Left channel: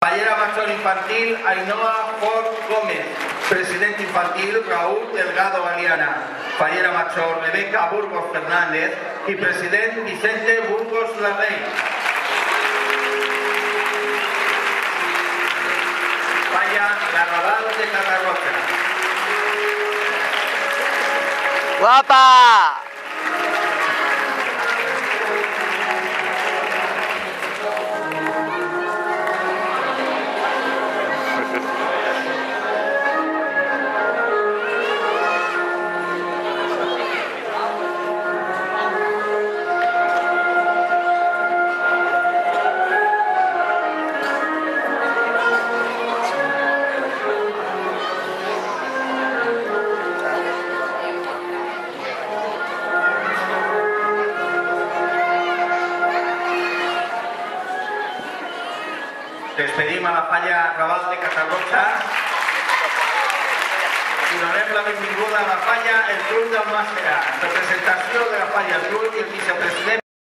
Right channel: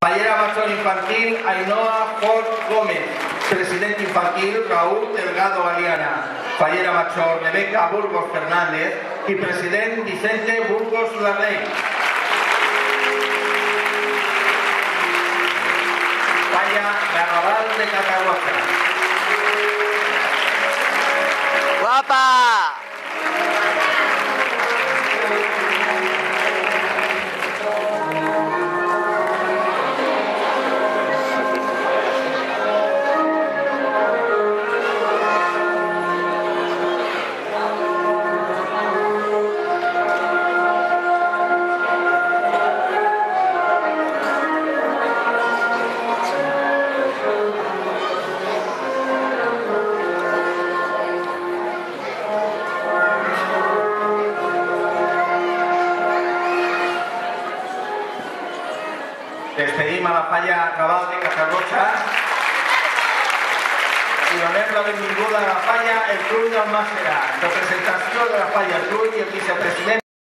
Fallera Mayor Infantil Ainhoa Fort Gómez. Presidente Infantil Raúl Delgado Galeana. Fallera Mayor Rebeca Burgos Fernández y Presidente Vicente Burgos Larrey. Falla Garrabal de Catarroja. ¡Guapa! Despedim a la Falla Raval de Catarroja i donem la benvinguda a la Falla el Club del Màstera. Representació de la Falla el Club i el vicepresident